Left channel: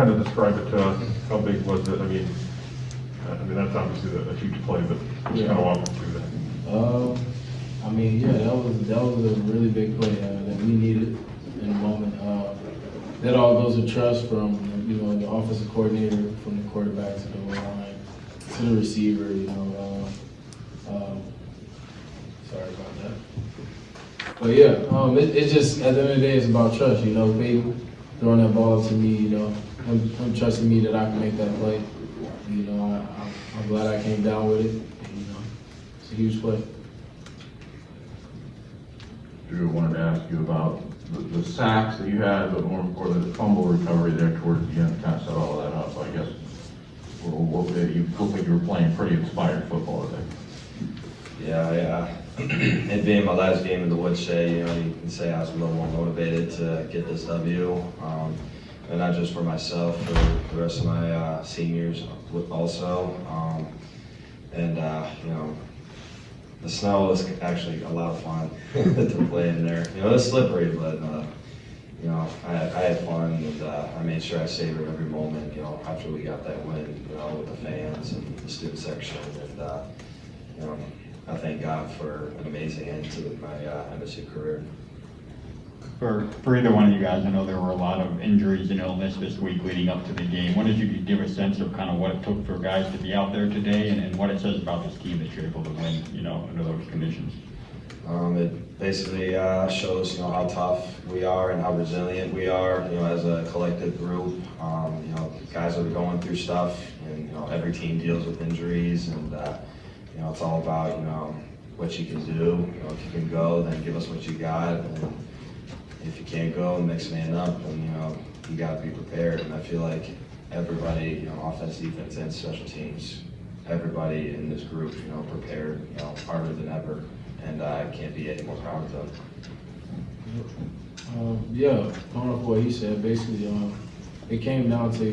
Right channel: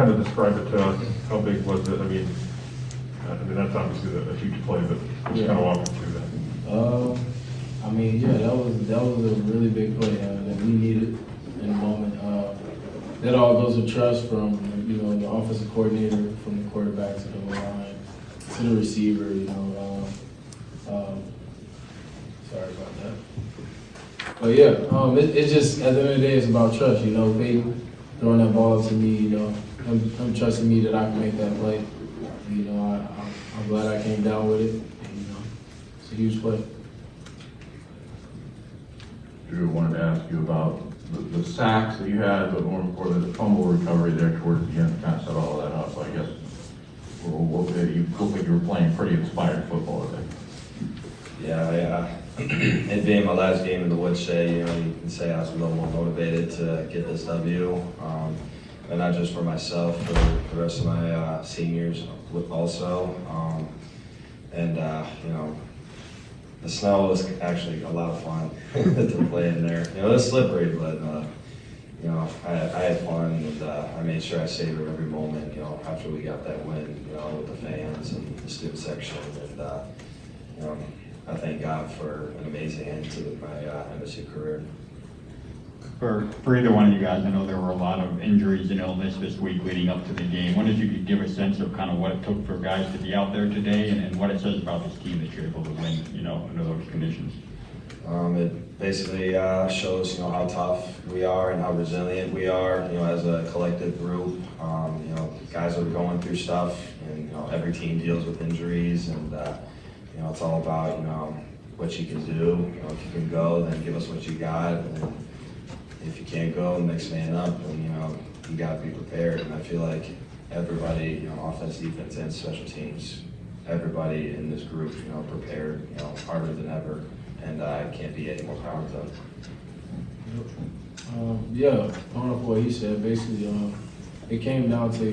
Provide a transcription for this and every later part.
kind of describe it to us? How big was it? I mean, that's obviously a huge play, but just kind of walk us through that. I mean, yeah, that was a really big play that we needed in the moment. That all goes to trust from the offensive coordinator, from the quarterback to the line to the receiver. Sorry about that. But yeah, it's just at the end of the day, it's about trust. Peyton throwing that ball to me. Him trusting me that I can make that play. I'm glad I came down with it. It's a huge play. Drew, wanted to ask you about the sacks that you had, but more importantly, the fumble recovery there towards the end, kind of set all that up. So I guess you looked like you were playing pretty inspired football today. Yeah. It being my last game in the woodshed, you can say I was a little more motivated to get this W. And not just for myself, for the rest of my seniors also. The snow was actually a lot of fun to play in there. It was slippery, but I had fun, and I made sure I savored every moment. After we got that win, with the fans and the student section, and I thank God for an amazing end to my MSU career. For either one of you guys, I know there were a lot of injuries and illness this week leading up to the game. What did you give a sense of kind of what it took for guys to be out there today and what it says about this team that you're able to win, under those conditions? It basically shows, how tough we are and how resilient we are, as a collective group. Guys are going through stuff, and every team deals with injuries, and it's all about what you can do. If you can go, then give us what you got. And if you can't go, the next man up, and you got to be prepared. And I feel like everybody, offense, defense, and special teams, everybody in this group, prepared, harder than ever, and I can't be any more proud of them. On what he said, basically, it came down to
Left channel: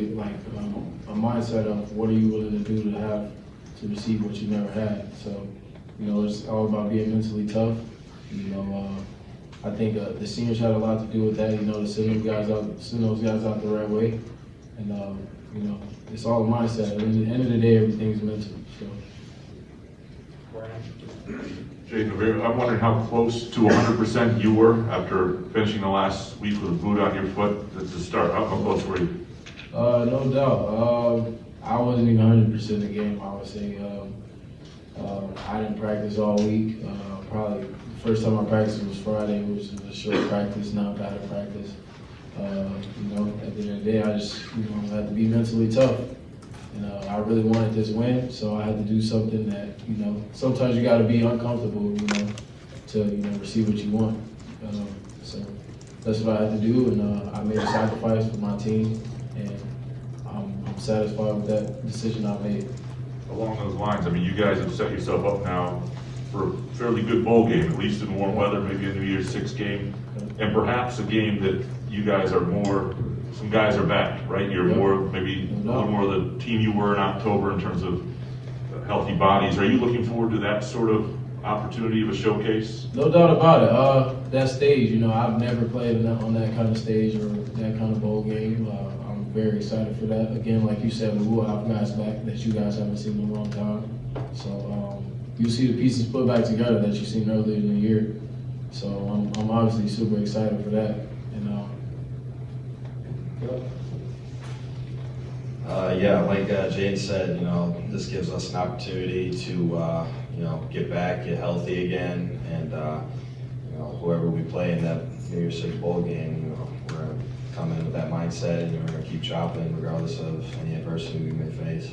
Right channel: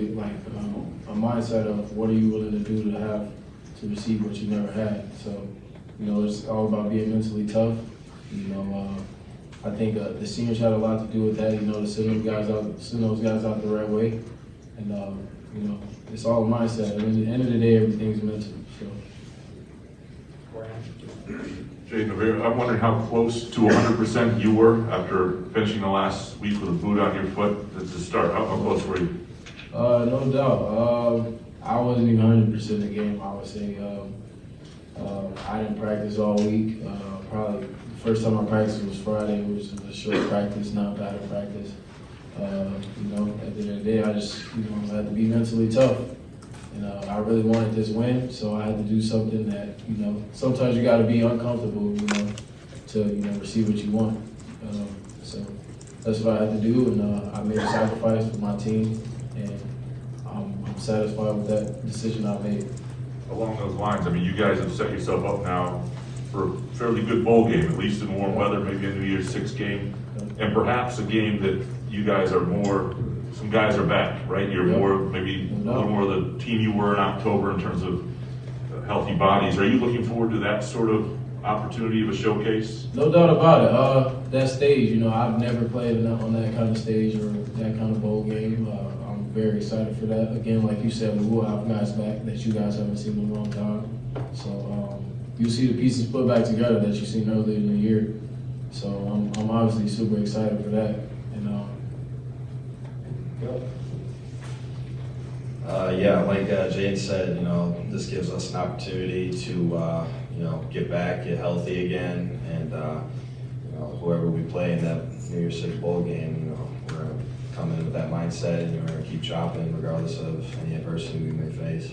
a mindset of what are you willing to do to receive what you never had. So, it's all about being mentally tough. I think the seniors had a lot to do with that. To send those guys out the right way, and it's all a mindset. And at the end of the day, everything's mental. So. Jaden, I'm wondering how close to 100% you were after finishing the last week with a boot on your foot to start. How close were you? No doubt. I wasn't even 100% in the game, I would say. I didn't practice all week. Probably the first time I practiced was Friday, which was a short practice, not bad practice. At the end of the day, I just had to be mentally tough. I really wanted this win, so I had to do something that, sometimes you got to be uncomfortable, to receive what you want. So that's what I had to do, and I made a sacrifice for my team, and I'm satisfied with that decision I made. Along those lines, you guys have set yourself up now for a fairly good bowl game, at least in warm weather, maybe a New Year's Six game, and perhaps a game that you guys are some guys are back, right? You're maybe a little more the team you were in October in terms of healthy bodies. Are you looking forward to that sort of opportunity of a showcase? No doubt about it. That stage, I've never played on that kind of stage or that kind of bowl game. I'm very excited for that. Again, like you said, we will have guys back that you guys haven't seen in a long time. So you'll see the pieces put back together that you've seen earlier in the year. So I'm obviously super excited for that. Like Jane said, this gives us an opportunity to, get back, get healthy again, and whoever we play in that New Year's Six bowl game, we're going to come in with that mindset, and we're going to keep chopping regardless of any adversity we may face.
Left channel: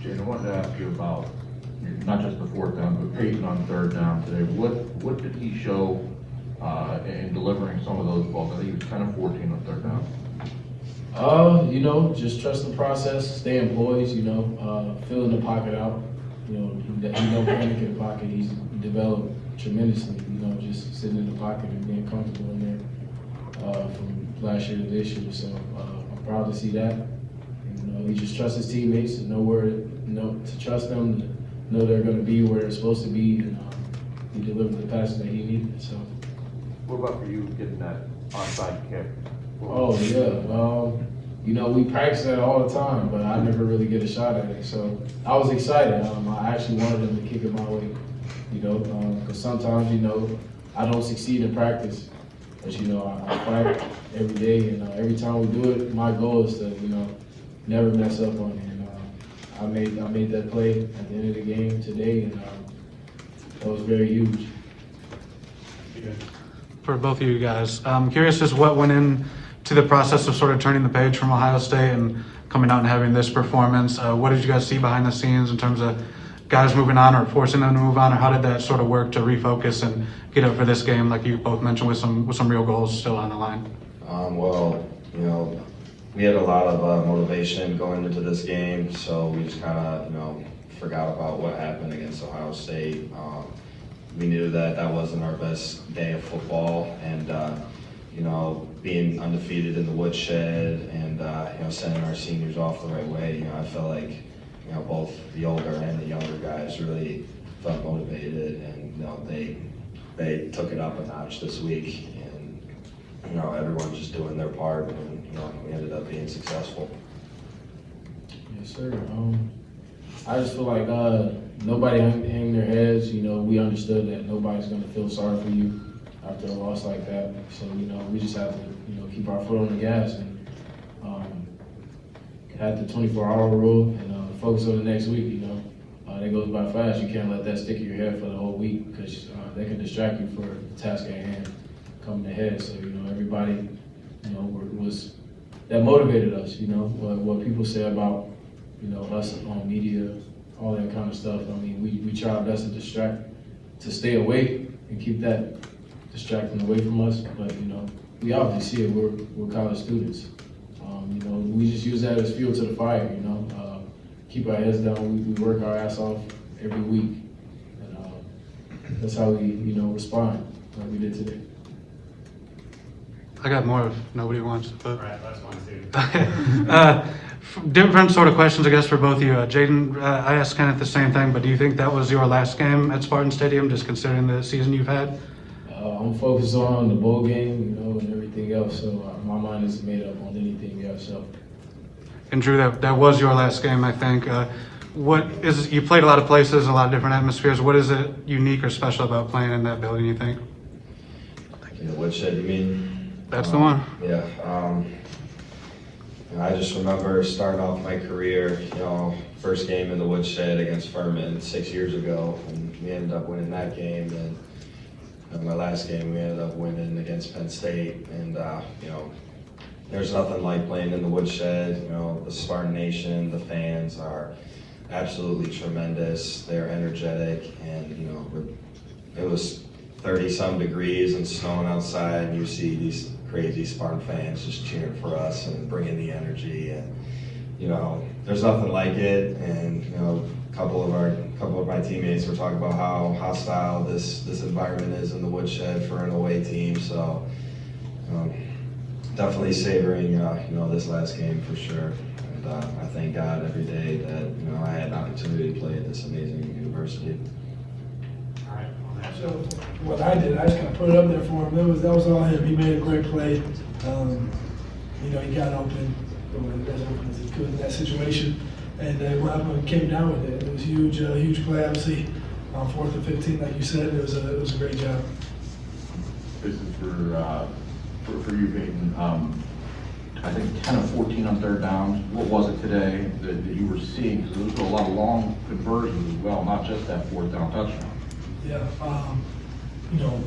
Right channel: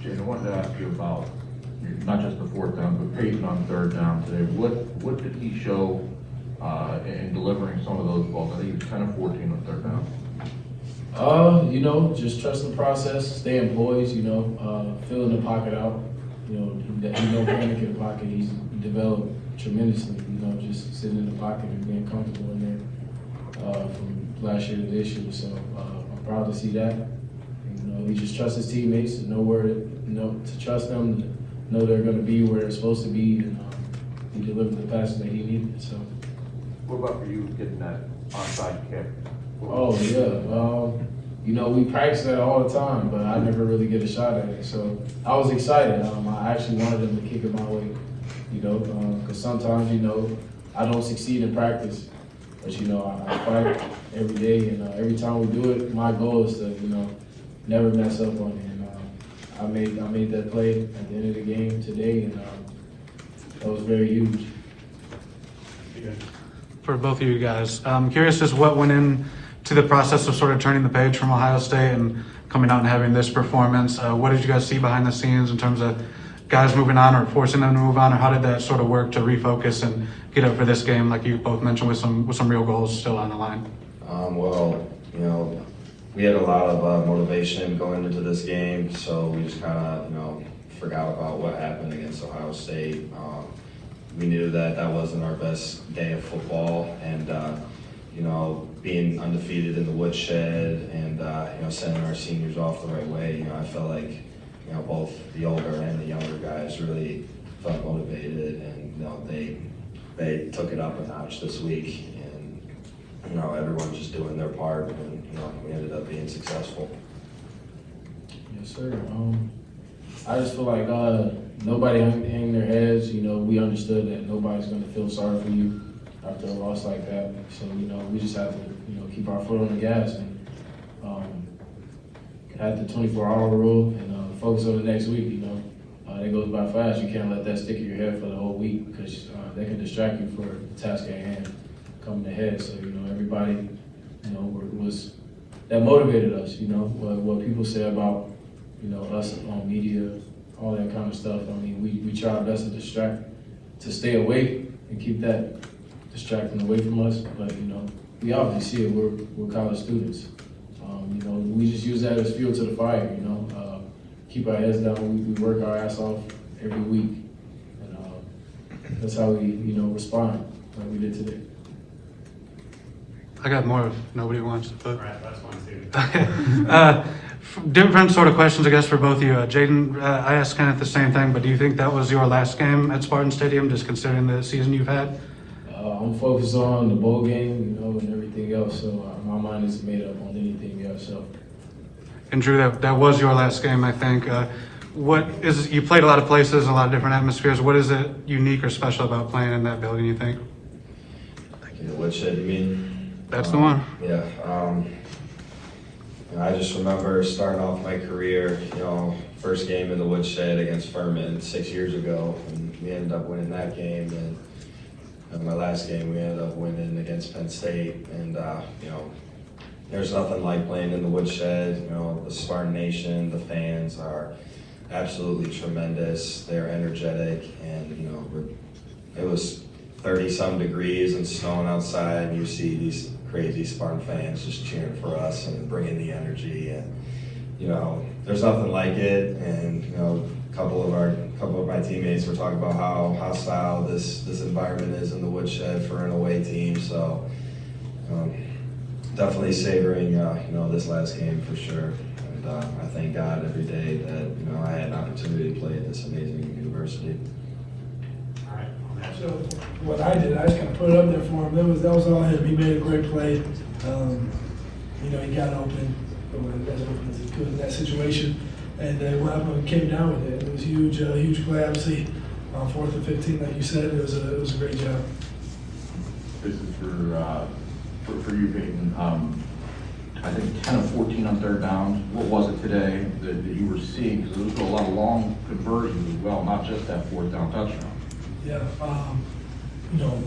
Jane, I wanted to ask you about not just the fourth down, but Peyton on third down today. What did he show in delivering some of those balls? I think he was 10 of 14 on third down. Just trust the process, staying poised, filling the pocket out. He don't panic in the pocket. He's developed tremendously, just sitting in the pocket and being comfortable in there from last year to this year. So I'm proud to see that. He just trusts his teammates and to trust them, know they're going to be where they're supposed to be, and he delivered the passes that he needed. So. What about for you getting that onside kick Oh, yeah. You know, we practice that all the time, but I never really get a shot at it. So I was excited. I actually wanted them to kick it my way, you know, because sometimes, you know, I don't succeed in practice. But, you know, I fight every day, and every time we do it, my goal is to, you know, never mess up on it. And I made that play at the end of the game today, and that was very huge. For both of you guys, I'm curious as what went in to the process of sort of turning the page from Ohio State and coming out and having this performance. What did you guys see behind the scenes in terms of guys moving on or forcing them to move on, or how did that sort of work to refocus and get up for this game, like you both mentioned, with some real goals still on the line? Well, you know, we had a lot of motivation going into this game, so we just kind of, you know, forgot about what happened against Ohio State. We knew that that wasn't our best day of football, and you know, being undefeated in the woodshed and you know, sending our seniors off the right way. You know, I felt like, you know, both the older and the younger guys really felt motivated, and you know, they took it up a notch this week, and you know, everyone's just doing their part, and you know, we ended up being successful. Yes, sir. I just feel like nobody hang their heads. You know, we understood that nobody's going to feel sorry for you after a loss like that. So, you know, we just have to, you know, keep our foot on the gas and have the 24-hour rule and focus on the next week. You know, that goes by fast. You can't let that stick in your head for the whole week, because they can distract you for the task at hand coming ahead. So, you know, everybody, you know, was that motivated us. You know, what people say about, you know, us on media, all that kind of stuff. I mean, we try our best to stay awake and keep that distracting away from us. But, you know, we obviously see it. We're college students. You know, we just use that as fuel to the fire, you know. Keep our heads down. We work our ass off every week. And that's how we, you know, respond like we did today. I got more if nobody wants, but different sort of questions, I guess, for both of you. Jaden, I asked kind of the same thing, but do you think that was your last game at Spartan Stadium, just considering the season you've had? I'm focused on the bowl game, you know, and everything else. So my mind is made up on anything we have. So. And Drew, that was your last game, I think. You played a lot of places, a lot of different atmospheres. What is it unique or special about playing in that building, you think? In the woodshed, you mean? That's the one. Yeah. I just remember starting off my career, you know, first game in the woodshed against Furman 6 years ago, and we ended up winning that game. And my last game, we ended up winning against Penn State. And, you know, there's nothing like playing in the woodshed. You know, the Spartan Nation, the fans are absolutely tremendous. They're energetic, and, you know, it was 30-some degrees and snowing outside, and you see these crazy Spartan fans just cheering for us and bringing the energy. And, you know, there's nothing like it. And, you know, a couple of my teammates were talking about how hostile this environment is in the woodshed for an away team. So, definitely savoring, you know, this last game for sure. And I thank God every day that, you know, I had an opportunity to play at this amazing university. So what I did, I just kind of put it up there for him. That was all him. He made a great play. You know, he got open in that situation, and then what happened, he came down with it. It was a huge play. Obviously, 4th and 15, like you said, it was a great job. This is for you, Peyton. I think 10 of 14 on third down. What was it today that you were seeing? Because there was a lot of long conversions as well, not just that 4th down touchdown. Yeah, you know,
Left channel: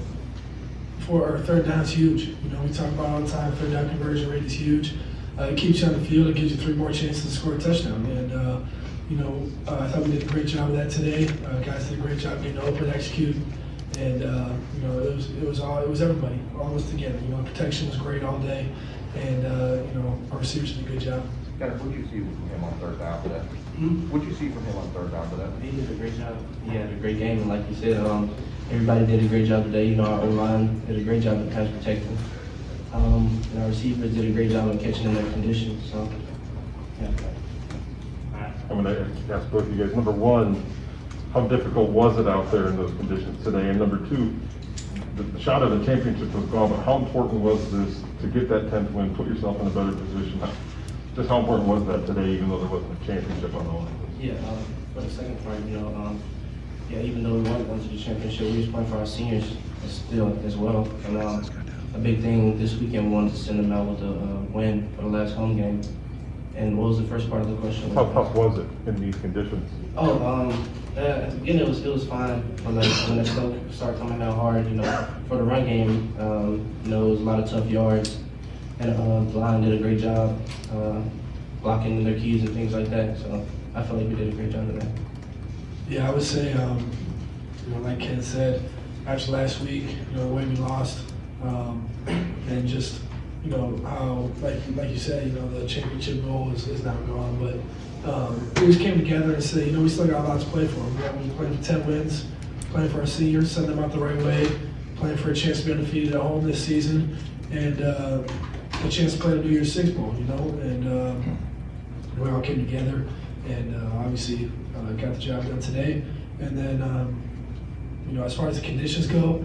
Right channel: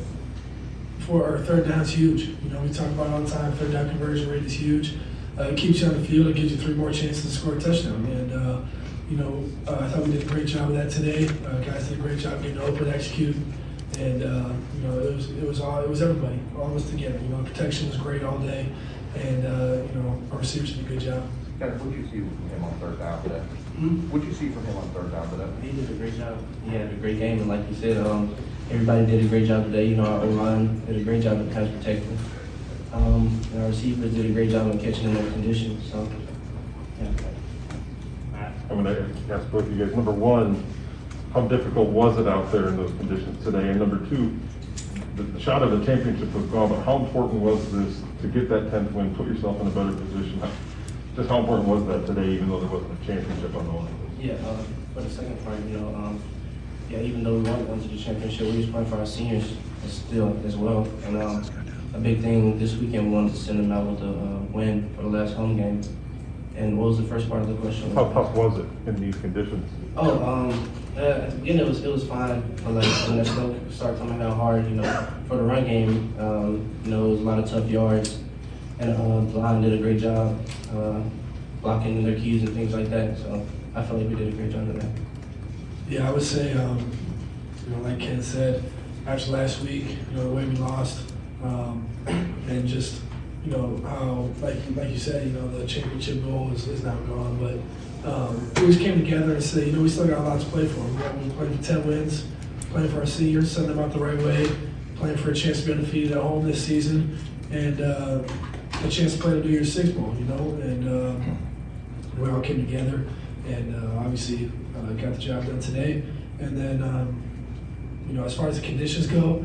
for our third down is huge. You know, we talk about all the time, third down conversion rate is huge. It keeps you on the field and gives you 3 more chances to score a touchdown. And, you know, I thought we did a great job of that today. Guys did a great job being open, execute. And, you know, it was everybody, all of us together. You know, protection was great all day. And, you know, our receivers did a good job. Yeah, what did you see from him on third down today? What did you see from him on third down today? He did a great job. He had a great game, and like you said, everybody did a great job today. You know, our O-line did a great job in kind of protecting. And our receivers did a great job in catching in that condition. So, yeah. I'm going to ask both of you guys. Number one, how difficult was it out there in those conditions today? And number two, the shot at the championship was gone, but how important was this to get that 10th win, put yourself in a better position? Just how important was that today, even though there wasn't a championship on the line? Yeah, for the second part, yeah, even though we went to the championship, we was playing for our seniors still as well. And a big thing this weekend, we wanted to send them out with a win for the last home game. And what was the first part of the question? How tough was it in these conditions? At the beginning it was fine, but like when the snow started coming down hard, for the run game, it was a lot of tough yards, and the line did a great job blocking their keys and things like that. So I feel like we did a great job of that. Yeah, I would say, like Ken said, after last week, the way we lost, and just, how, like you said, the championship goal is not gone, but we just came together and said, we still got a lot to play for. We're playing for 10 wins, playing for our seniors, send them out the right way, playing for a chance to be undefeated at home this season, and a chance to play the New Year's Six Bowl, and we all came together, and obviously got the job done today. And then, as far as the conditions go,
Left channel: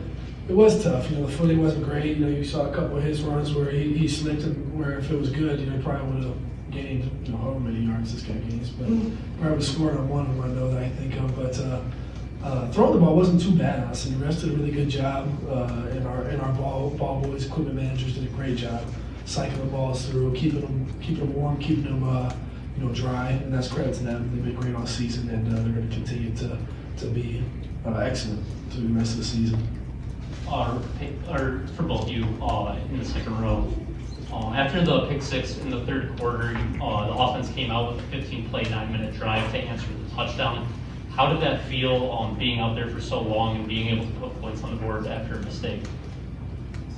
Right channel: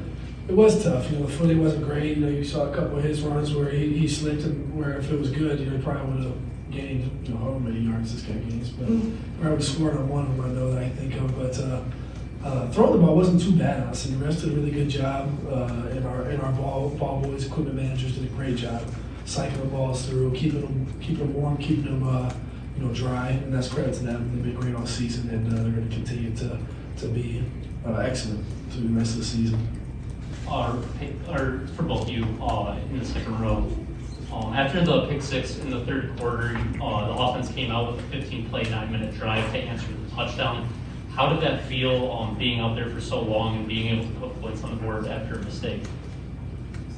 it was tough. The footing wasn't great. You saw a couple of his runs where he slipped, and where if it was good, he probably would have gained, however many yards this guy gains. But probably would have scored on one of them, I know that I think of. But throwing the ball wasn't too bad, honestly. The rest did a really good job. And our ball boys, equipment managers did a great job cycling the balls through, keeping them warm, keeping them dry, and that's credit to them. They've been great all season, and they're going to continue to be excellent through the rest of the season. Or for both of you in the second row. After the pick six in the third quarter, the offense came out with a 15-play, 9-minute drive to answer the touchdown. How did that feel, being out there for so long and being able to put points on the board after a mistake?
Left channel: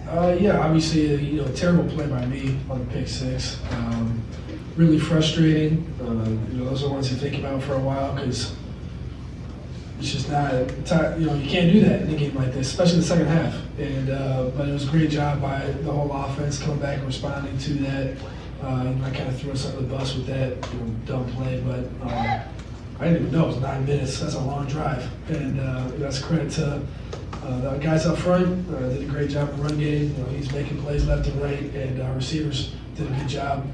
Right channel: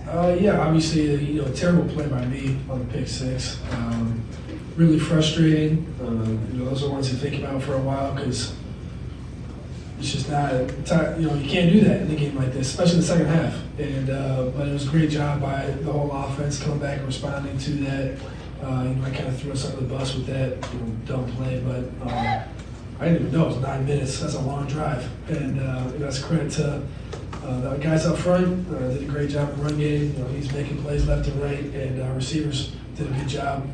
Yeah, obviously, terrible play by me on the pick six. Really frustrating. Those are ones you think about for a while because it's just not time. You can't do that in a game like this, especially in the second half. And but it was a great job by the whole offense coming back and responding to that. I kind of threw us under the bus with that dumb play, but I didn't even know it was 9 minutes. That's a long drive, and that's credit to the guys up front. Did a great job in the run game. He's making plays left and right, and our receivers did a good job.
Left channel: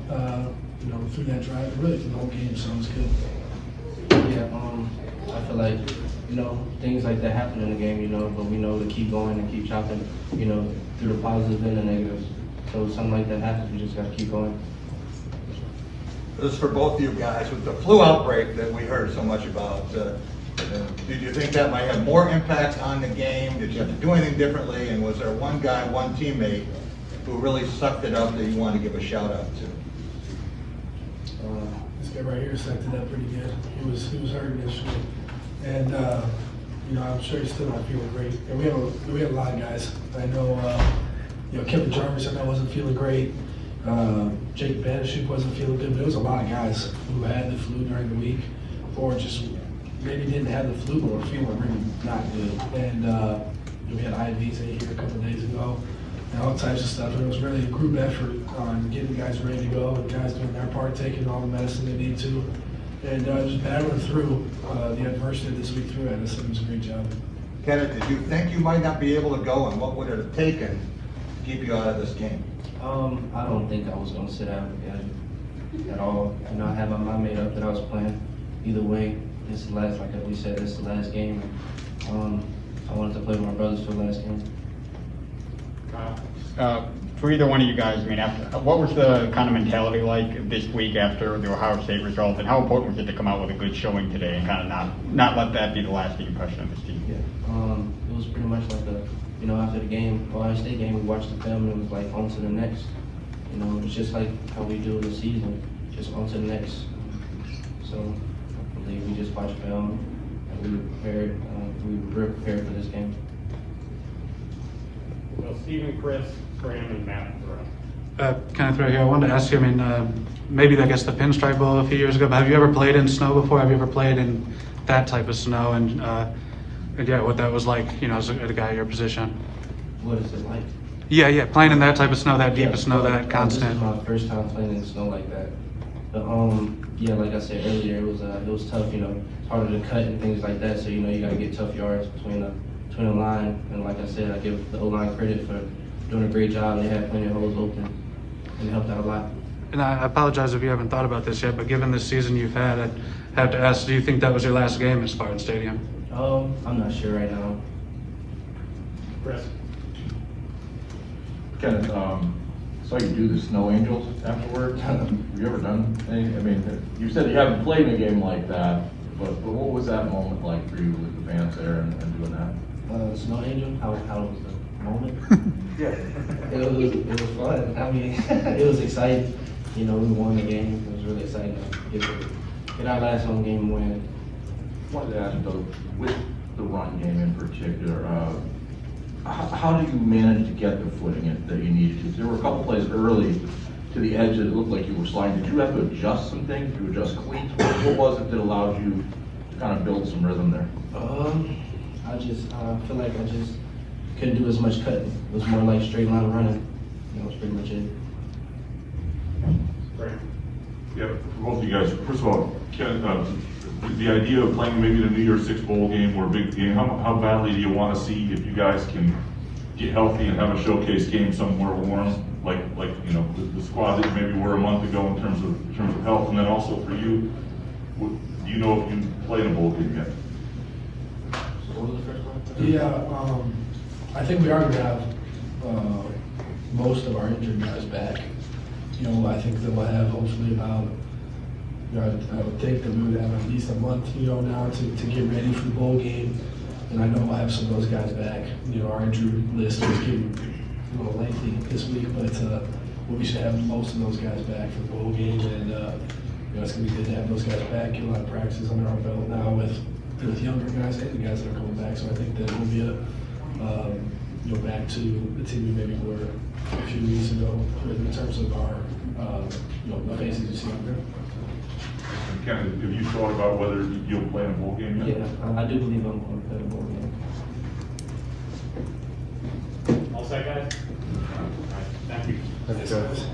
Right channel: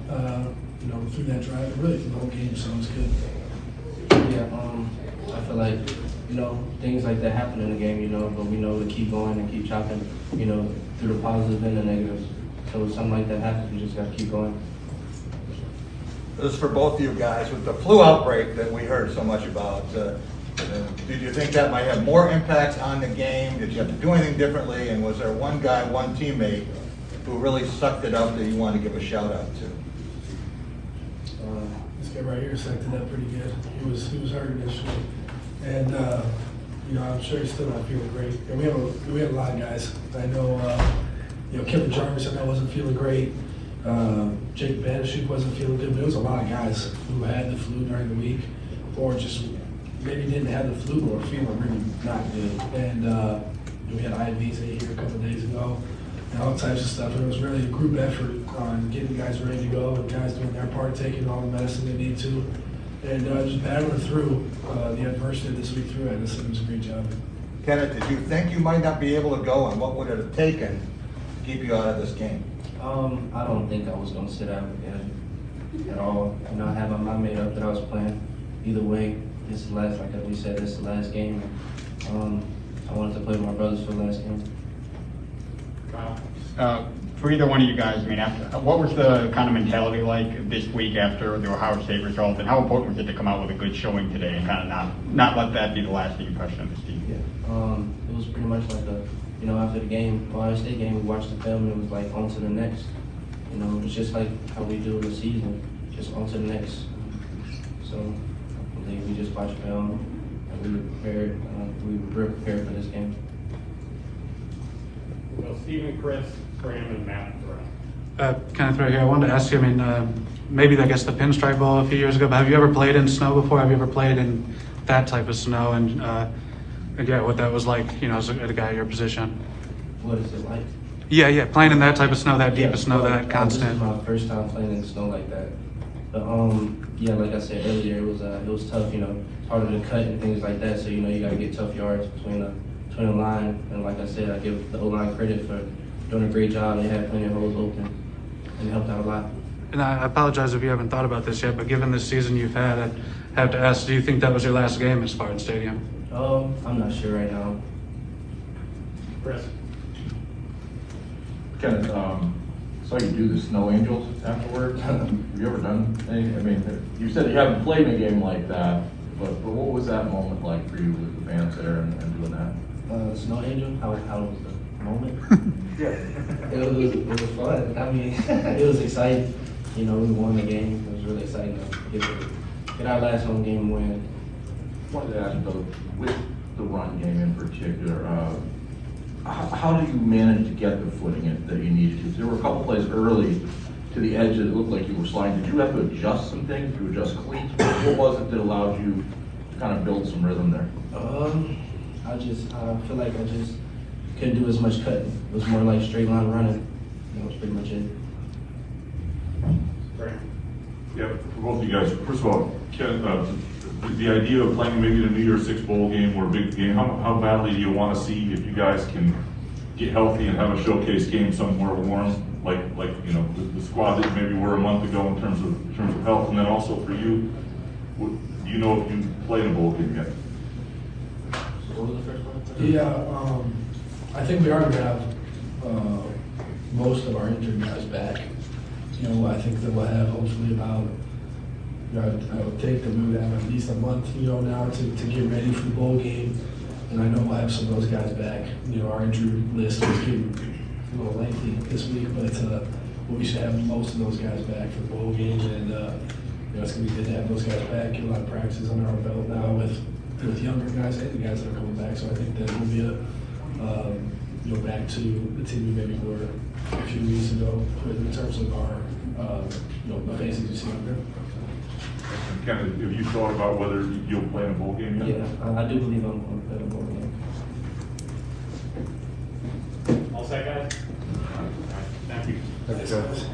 Through that drive, really for the whole game, so it was good. Yeah, I feel like, things like that happen in the game, but we know to keep going and keep chopping, through the positives and the negatives. So if something like that happens, you just got to keep going. This is for both of you guys. With the flu outbreak that we heard so much about, did you think that might have more impact on the game? Did you have to do anything differently? And was there one guy, one teammate who really sucked it up that you want to give a shout out to? This guy right here sucked it up pretty good. He was hurting this year, and I'm sure he's still not feeling great. And we had a lot of guys. I know, Kevin Jarvis, I know wasn't feeling great. Jake Banishuk wasn't feeling good, but it was a lot of guys who had the flu during the week, or just maybe didn't have the flu but were feeling really not good. And we had IVs in here a couple of days ago. And all types of stuff. It was really a group effort on getting guys ready to go, and guys doing their part, taking all the medicine they need to, and just battling through the adversity this week through it. This was a great job. Kenneth, did you think you might not be able to go, and what would it have taken to keep you out of this game? I don't think I was going to sit out again at all. I had my mind made up that I was playing. Either way, this is the last, like we said, this is the last game. I wanted to play with my brothers for the last game. For either one of you guys, what was the kind of mentality like this week after the Ohio State result, and how important was it to come out with a good showing today and kind of not let that be the last big impression of this team? Yeah, it was pretty much like after the game, Ohio State game, we watched the film and it was like on to the next. It's just like how we do in the season, just on to the next. So we just watched film and we were prepared. We were real prepared for this game. Well, Stephen, Chris, Brandon, and Matt. Kind of right here, I wanted to ask you, maybe I guess the Pinstripe Bowl a few years ago, but have you ever played in snow before? Have you ever played in that type of snow? And yeah, what that was like, as a guy in your position. What is it like? Yeah, playing in that type of snow, that deep of snow, that constant. This is my first time playing in snow like that. But yeah, like I said earlier, it was tough. Harder to cut and things like that. So you got to get tough yards between between the line. And like I said, I give the O-line credit for doing a great job. They had plenty of holes open and helped out a lot. And I apologize if you haven't thought about this yet, but given this season you've had, I'd have to ask, do you think that was your last game at Spartan Stadium? I'm not sure right now. Kenneth, saw you do the snow angels afterwards. Have you ever done any, I mean, you said you haven't played in a game like that, but what was that moment like for you with the fans there and doing that? Snow Angel, how was the moment? It was fun. I mean, it was exciting. You know, we won the game. It was really exciting to get our last home game and win. I wanted to ask about with the run game in particular, how do you manage to get the footing that you needed? Because there were a couple plays early to the edge that it looked like you were sliding. Did you have to adjust some things, to adjust cleats? What was it that allowed you to kind of build some rhythm there? I feel like I just couldn't do as much cutting. It was more like straight line running. That was pretty much it. Yeah, for both of you guys, first of all, Ken, the idea of playing maybe the New Year's Six bowl game or a big game, how badly do you want to see if you guys can get healthy and have a showcase game somewhere warm, like you know the squad that maybe were a month ago in terms of health, and then also for you, do you know if you played a bowl game yet? Yeah, I think we are going to have most of our injured guys back. You know, I think that we'll have hopefully about, you know, I would think that we would have at least a month, you know, now to get ready for the bowl game. And I know we'll have some of those guys back. You know, our injury list is getting a little lengthy this week, but we should have most of those guys back for the bowl game. And, you know, it's going to be good to have those guys back, get a lot of practices on our belt now with younger guys and the guys that are coming back. So I think that we'll be you know, back to the team we maybe were a few weeks ago in terms of our, you know, the faces you see out there. Ken, have you thought about whether you'll play in a bowl game yet? Yeah, I do believe I'm going to play the bowl game. All set, guys? Thank you. Thank you, guys.